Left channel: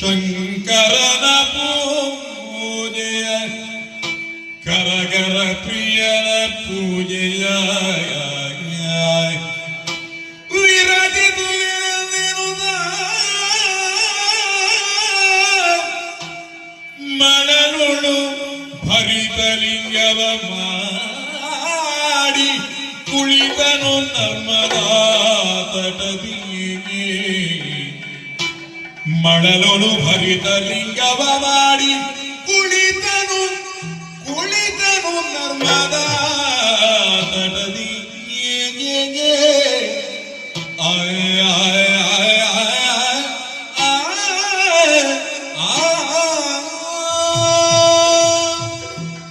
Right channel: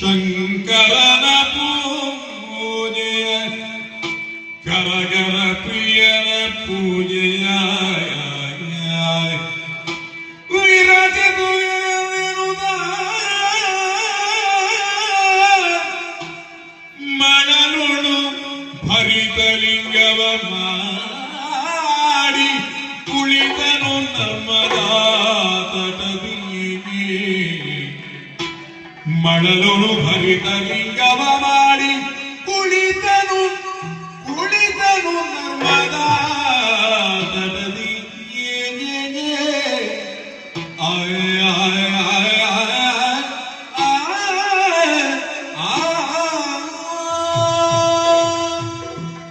ಶಂಕರನ ಪೂಜೆಯ ಕರಗರ ಪ್ರಿಯನ ಪೂಜೆಯ ವಿರಜಿತು ವಿರುದ ಮಳಲುಳು ಭರಿತಲಿಂಗವ ಮಾಡಿ ಕುಳಿತನು ನರ್ಮದಾ ತಟದಿ ಮಳಲೊಳು ಭರಿತ ಲಿಂಗವ ಮಾಡಿ ಕುಳಿತನು ನರ್ಮದಾ